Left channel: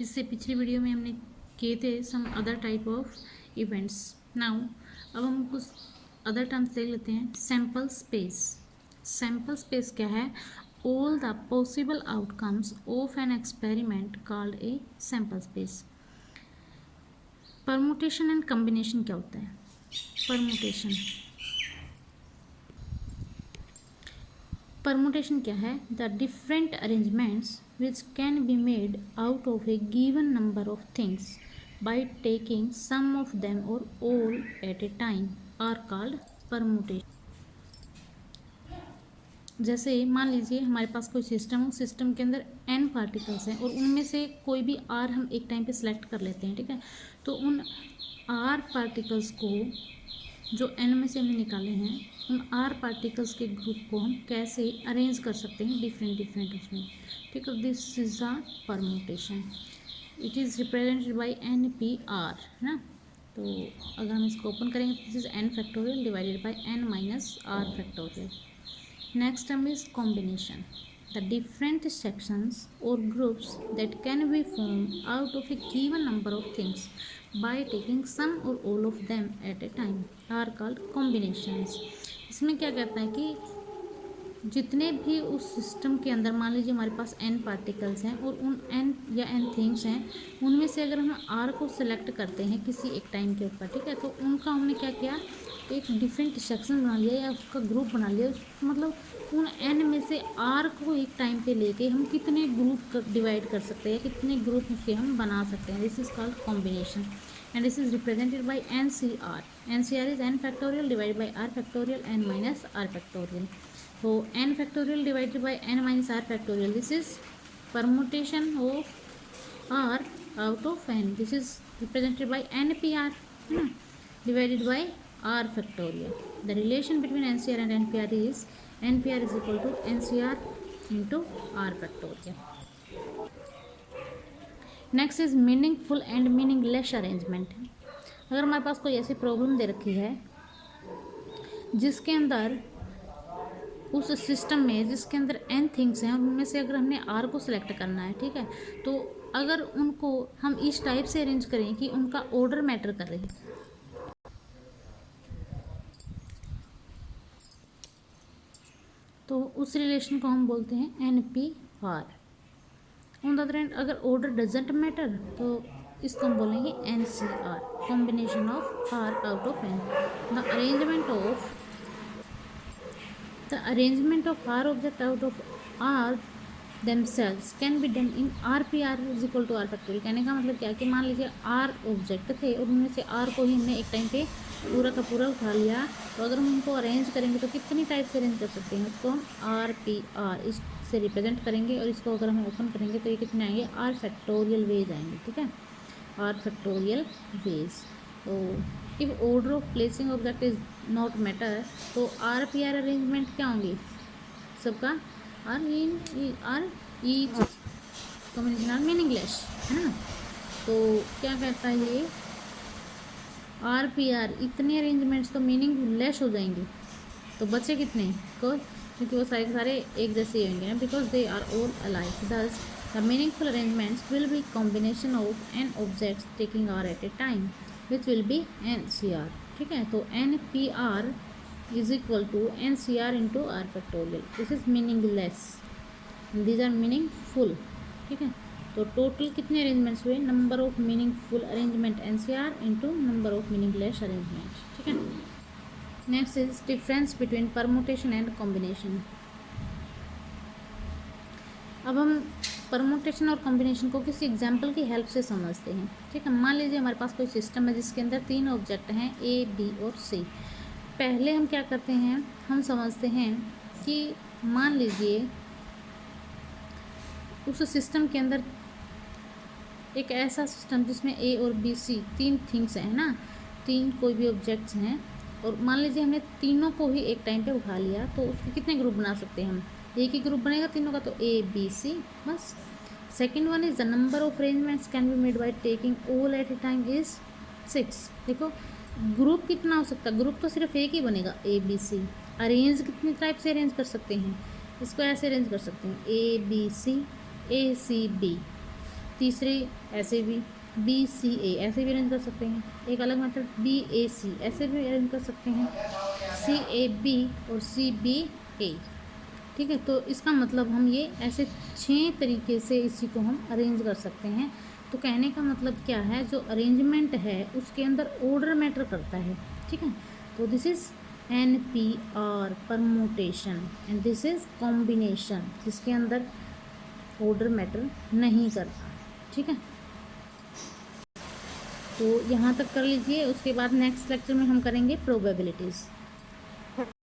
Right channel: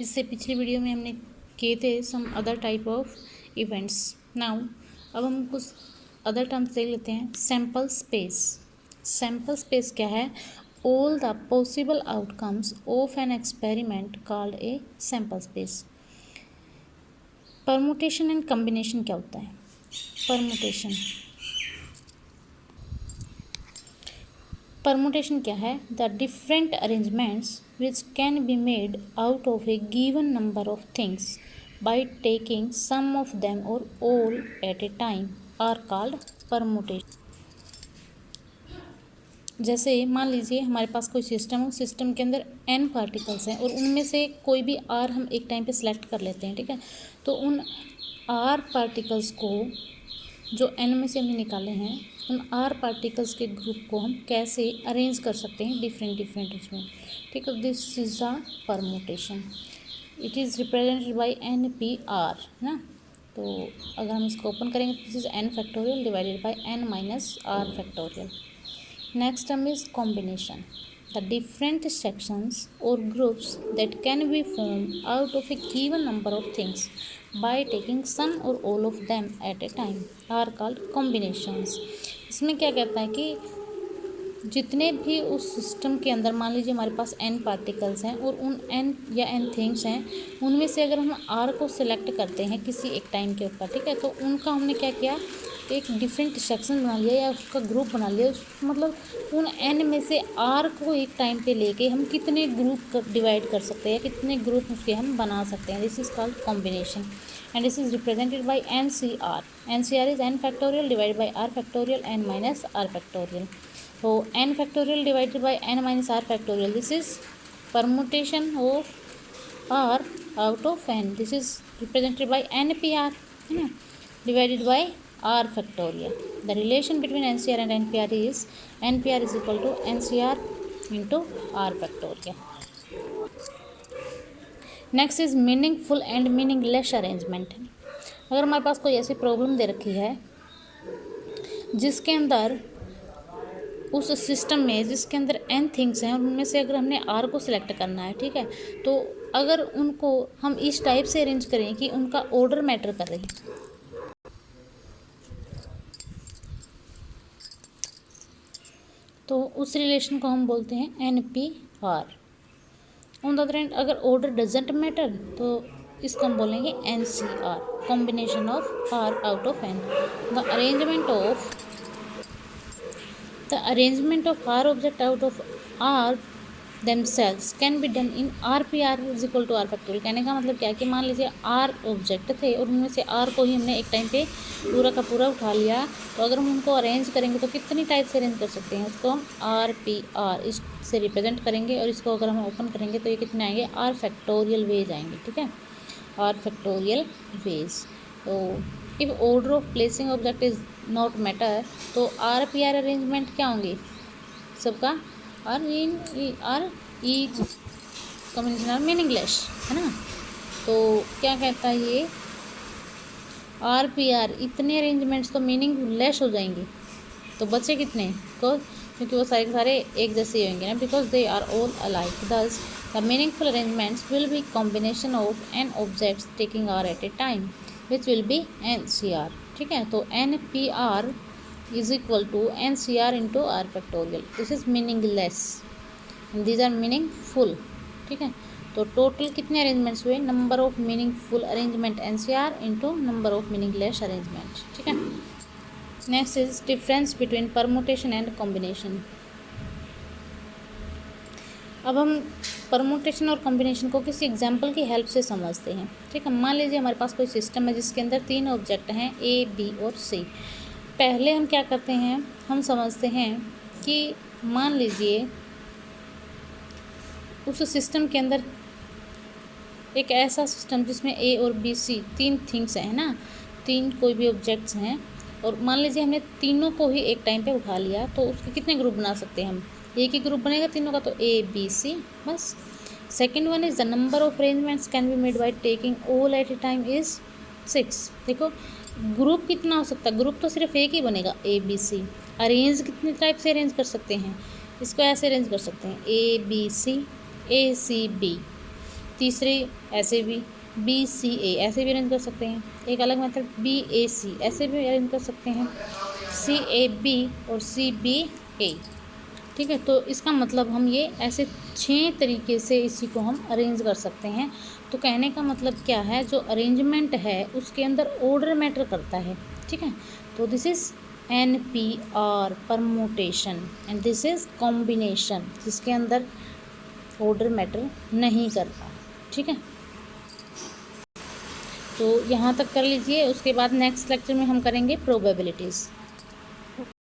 इससे पिछली वीडियो में हमने किए थे some other type of events. Now अब हम कुछ अदर टर्म्स देख लेते हैं। Sample space. सैम्पल स्पेस क्या है? All the possible outcomes of an experiment called a sample space. Permutation and combination क्या होता है? परमुटेशन क्या है? The different arrangements which can be made out of a given number of things by taking some of them or all at a time are called permutation। जैसे मान लीजिए हमारे पास कोई सिस्टम हो, सिस्टम के अंदर n पार्टिकल्स हैं और उनमें से कोई भी r हम एक टाइम पे सिलेक्ट कर लेते हैं, ठीक है। तो उन r पार्टिकल्स को जो n में से हमने निकाले हैं, उन r पार्टिकल्स के ग्रुप को हम कैसे अरेंज कर सकते हैं डिफरेंट उसमें, ठीक है। This is the permutation. It is represented by NPR, है ना। तो अगर हम इसको ओपन करेंगे, this is n factorial divided by n minus r factorial. Next term is combination. The different sections or groups that can be formed out of a given number of things by taking some or all of them at a time are called combinations। इसमें क्या कहता है कि जितने भी उस system के अंदर, मान लीजिए हमारे पास n पार्टिकल्स हैं और उन n या n थिंग्स हैं, उनमें से अगर हम r को सिलेक्ट करते हैं किसी एक टाइम के ऊपर, ठीक है, तो उनका हमने क्या किया, एक डिफरेंट सेक्शन बना लिया या उसका ग्रुप बना लिया। मतलब उन n में से r को एक टाइम पे लेके हम कितने ग्रुप डिवाइड कर सकते हैं, कितने ग्रुप उसके हम बना सकते हैं। This is called combination and this is represented by NCR। NCR is n factorial divided by r factorial n minus r factorial. तो n factorial divided by n minus r factorial, this is permutation of r out of n। This is represented by NPR, है ना, divided by r factorial। The relation between NCR and NPR is NPR is equal to NCR into r factorial। Next is meaningful and meaningless arrangement। अगर हमारे पास कोई ऐसी problem दे रखी है जिसके अंदर, उस सिस्टम में जिसके अंदर n थिंग्स हैं, उनमें से अगर हमने r को सिलेक्ट करना है, ठीक है, तो अगर उनको हम इस टाइप से अरेंज करें कि उनका ऑर्डर मैटर कर रही, तो उस रिलेशन को हम बोलते हैं NPR। On the other hand अगर ऑर्डर डजेंट मैटर तो इसको हम बोलेंगे NCR, combination of R out of N। The arrangement of R object out of R themselves can be done in RPR is equal to R factorial. कहने का मतलब क्या है कि मान लीजिए R ऑब्जेक्ट थे और उनमें से R को ही हमने एक टाइम पे पूरा का पूरा उठा लिया, तो अगर हम उनको अरेंज करेंगे तो कितनी टाइप से अरेंज कर सकते हैं, उसको हम RPR इससे रिप्रेजेंट करेंगे और इसको अगर हम ओपन करेंगे तो ये कितने आएंगे, R फैक्टोरियल वेज आएंगे, ठीक है, R फैक्टोरियल वेज। तो if order of placing object is not matter तो RPR अरेंजमेंट क्या होंगे सबका, or each combination are meaningless, है ना। तो क्या कहता है ये, RPR इतने अरेंजमेंट्स तो मीनिंगलेस हो जाएंगे, तो बचे कितने, क्योंकि वो सारे के सारे एक जैसे ही होंगे ना, because they are all alike. Thus the meaningful arrangements will be combination of n objects taking R at a time which will be NCR, ठीक है। तो NPR is equal to NCR into R factorial। This is meaningless and these are meaningful, ठीक है। तो total कितने arrangements हुए, number of meaningful arrangement NCR into number of meaningless arrangement, ठीक है। Next is difference between permutation and combination. अब हम permutation और कॉम्बिनेशन को किसी एग्जाम्पल की हेल्प से समझते हैं, ठीक है। मान लीजिए हमारे पास कोई सिस्टम है जिसके अंदर 3 ऑब्जेक्ट हैं A, B और C। पहले हम क्या करते हैं, हम समझते हैं कि मान लीजिए उस सिस्टम के अंदर एक ऐसा सिस्टम जिसमें A और B C 3 थिंग्स हैं ना, 3 कोई भी ऑब्जेक्ट्स हैं, और मान लीजिए हमने तीनों को ही एक टाइम पे उठा लिया, तो उसके कितने ग्रुप बना सकते हैं हम, एक ही ग्रुप बनेगा तीनों का, तो A B C बस। Second one is the number of arrangements can be made by taking all at a time is 6। देखो ग्रुप कितना हो सकता है, ग्रुप तो सिर्फ एक ही बनेगा A B C। अरेंज कितने टाइप से अरेंज कर सकते हैं, इसको ऐसे अरेंज कर सकते हैं A B C A C B, तीसरे ऐसे भी BCA ऐसे भी अरेंज कर सकते हैं। एक अलग मेथड BAC ऐसे भी अरेंज कर सकते हैं, CAB और CBA। ठीक है, तो इसका मतलब हम ये ऐसे 6 तरीके से इसी को हम अरेंज कर सकते हैं। तो कहने का मतलब क्या है, जो अरेंजमेंट है उसके अंदर ऑर्डर मैटर करता है। ठीक है, तो this is NPR permutation and this is combination, जिसके अंदर ऑर्डर मैटर नहीं करता। ठीक है, तो यहाँ तक कर लीजिए। उसके बाद नेक्स्ट लेक्चर में हम करेंगे प्रोबेबिलिटीज़।